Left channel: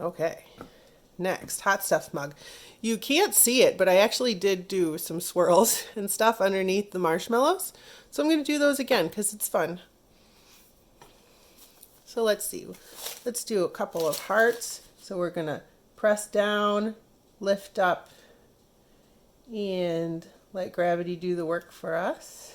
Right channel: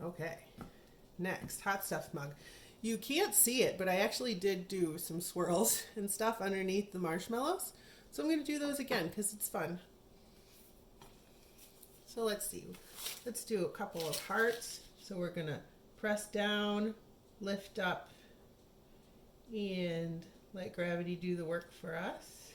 Okay, next, hot stuff mug. You can't see it, but I actually did do some swirls and stuff underneath the marshmallows. So I'm going to do those again because it's fun. So let's see. Let's do a couple of hearts. So we're going to press down, lift up, and let gravity do the work for us.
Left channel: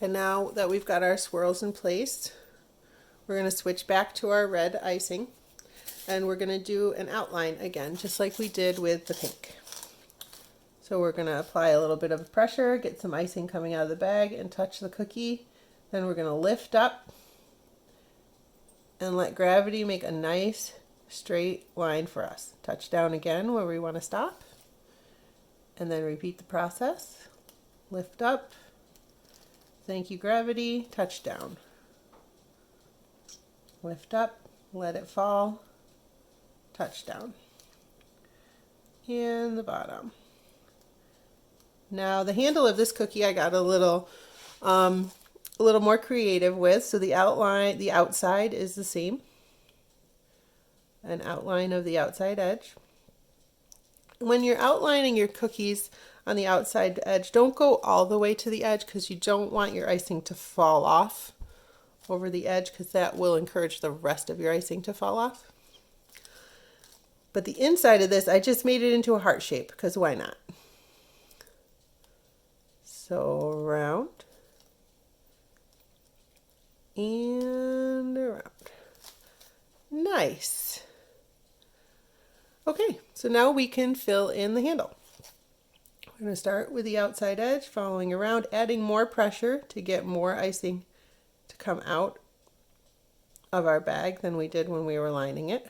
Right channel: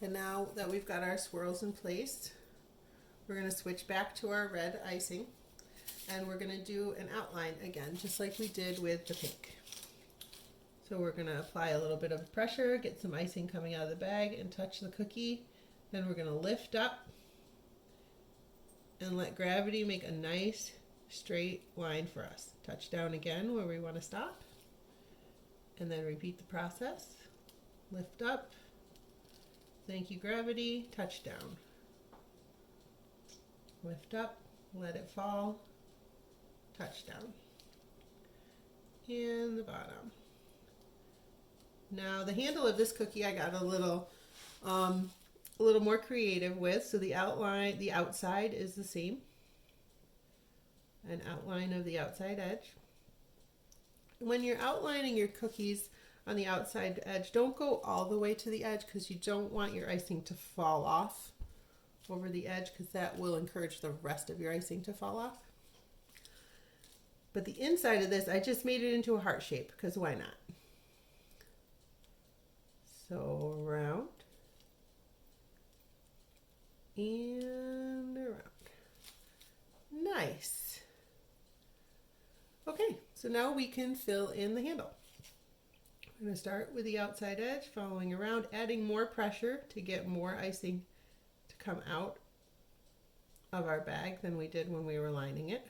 And now that we've got our swirls in place, we're going to switch back to our red icing, and we're going to do an outline again, just like we did with the pink. So we're going to apply a little bit of pressure, get some icing coming out of the bag, and touch the cookie. Then we're going to lift up and let gravity make a nice straight line for us. Touch down again where we want to stop, and then repeat the process. Lift up. Thank you, gravity. Touch down. Lift up, let it fall, touch down. And the bottom. Now the handle of this cookie I got a little more creative with. So the outline, the outside is the same. An outline of the outside edge. When you're outlining your cookies on the outside edge, don't go all the way to the edge because you don't want your icing to fall off over the edge because that will encourage the rest of your icing to fall off. But the inside of this, I just made it into a heart shape because why not? So around and around. Nice. Okay, so now we can fill in the handle. We're going to start with the outside edge, following around, adding more pressure to get more icing to come out of our bag than we did when we were lining it.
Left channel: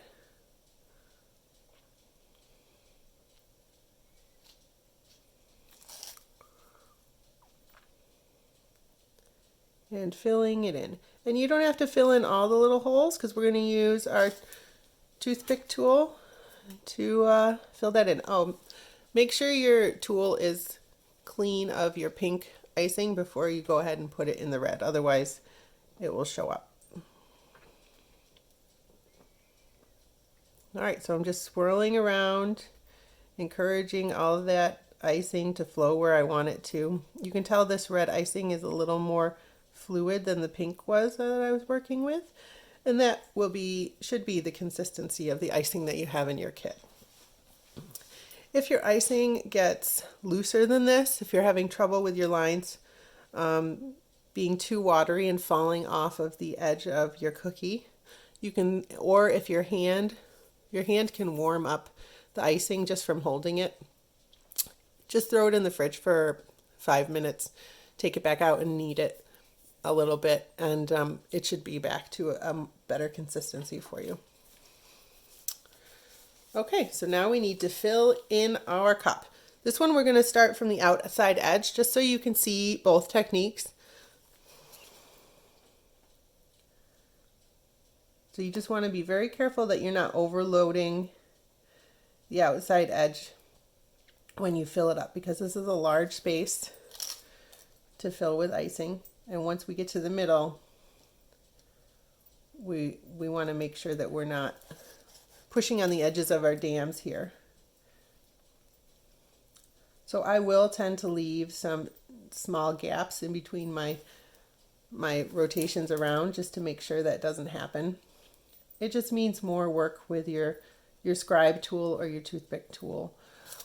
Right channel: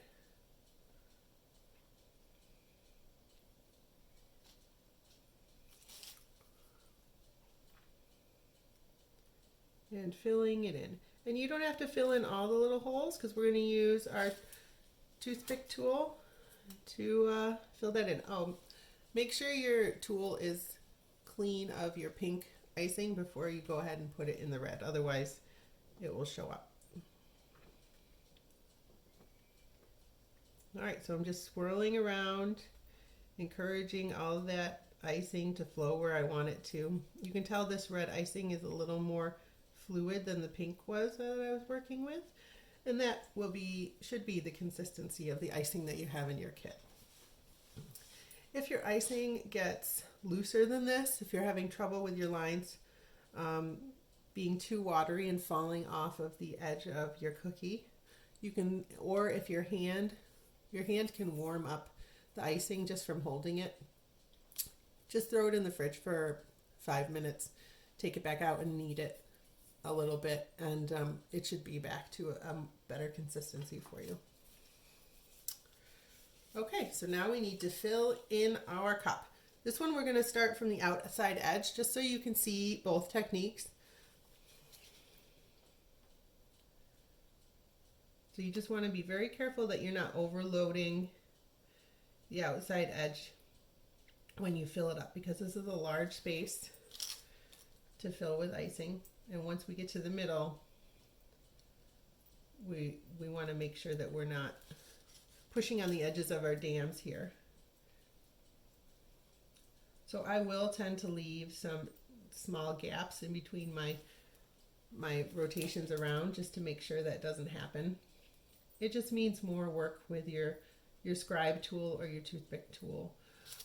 And filling it in. And you don't have to fill in all the little holes because we're going to use our toothpick tool to fill that in. Oh, make sure your tool is clean of your pink icing before you go ahead and put it in the red. Otherwise, it will show up. All right, so I'm just swirling around, encouraging all of that icing to flow where I want it to. You can tell this red icing is a little more fluid than the pink was that I was working with. And that should be the consistency of the icing that you have in your kit. If your icing gets looser than this, if you're having trouble with your lines being too watery and falling off of the edge of your cookie, you can, or if your hand can warm up the icing just from holding it, just throw it in the fridge for 5 minutes, take it back out and knead it a little bit, and it should be back to a better consistency for you. Okay, so now we need to fill in our cup. This one we're going to start from the outside edge just so you can see both techniques. So you just want to be very careful that you're not overloading the outside edge when you fill it up because this is a large space to fill with icing. And once we get to the middle, we want to make sure that we're not pushing on the edges of our dams here. So I will tend to leave some small gaps in between my rotations around just to make sure that doesn't happen. It just means more work with your scribe tool or your toothpick tool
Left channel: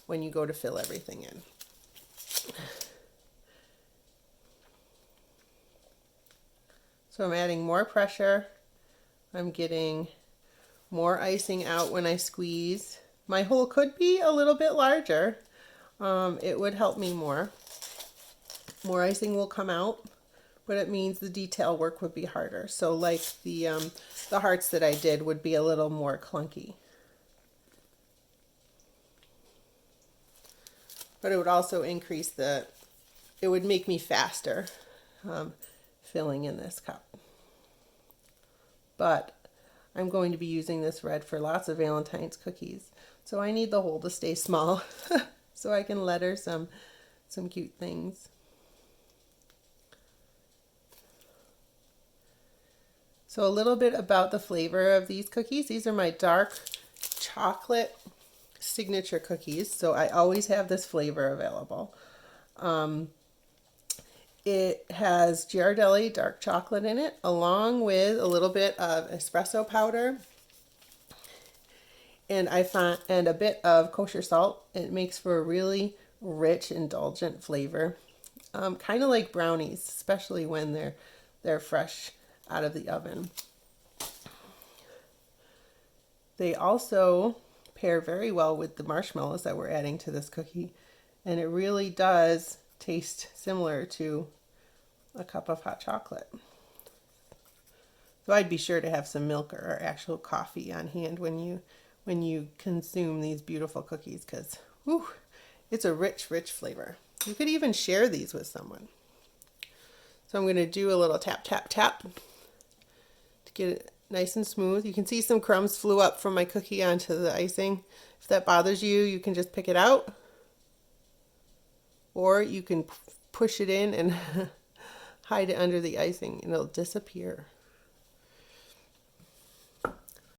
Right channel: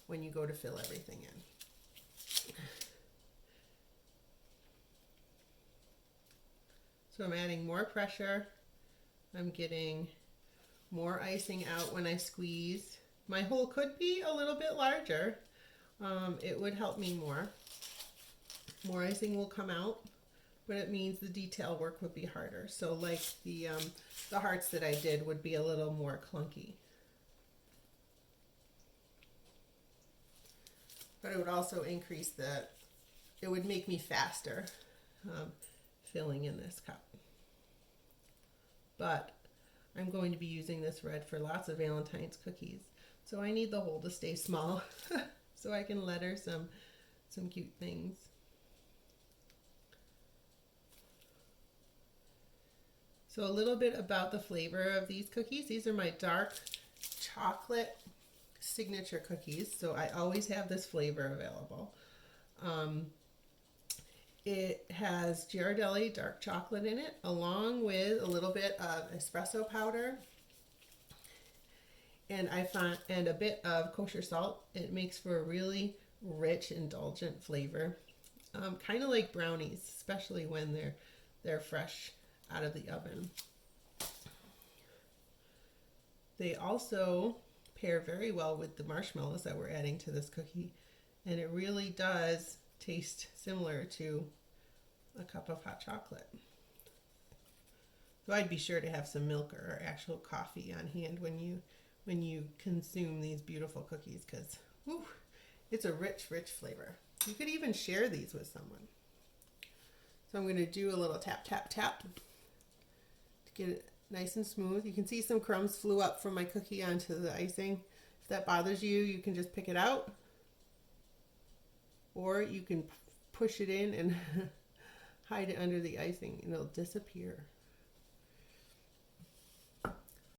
when you go to fill everything in. So I'm adding more pressure. I'm getting more icing out when I squeeze. My hole could be a little bit larger. It would help me more. More icing will come out, but it means the detail work would be harder. So like the hearts that I did would be a little more clunky. but it would also increase it would make me faster filling in this cup. But I'm going to be using this red for lots of Valentine's cookies. So I need the hole to stay small so I can letter some cute things. So a little bit about the flavor of these cookies. These are my dark chocolate signature cookies. So I always have this flavor available. It has Ghirardelli dark chocolate in it, along with a little bit of espresso powder and a bit of kosher salt. It makes for a really rich, indulgent flavor, kind of like brownies, especially when they're fresh out of the oven. They also pair very well with the marshmallows that we're adding to this cookie, and it really does taste similar to a cup of hot chocolate. So I'd be sure to have some milk or actual coffee on hand when you consume these beautiful cookies, because it's a rich, rich flavor. You could even share these with someone. So I'm going to do a little tap, tap, tap to get it nice and smooth. You can see some crumbs flew up from my cookie onto the icing. If that bothers you, you can just pick it out, or you can push it in and hide it under the icing and it'll disappear.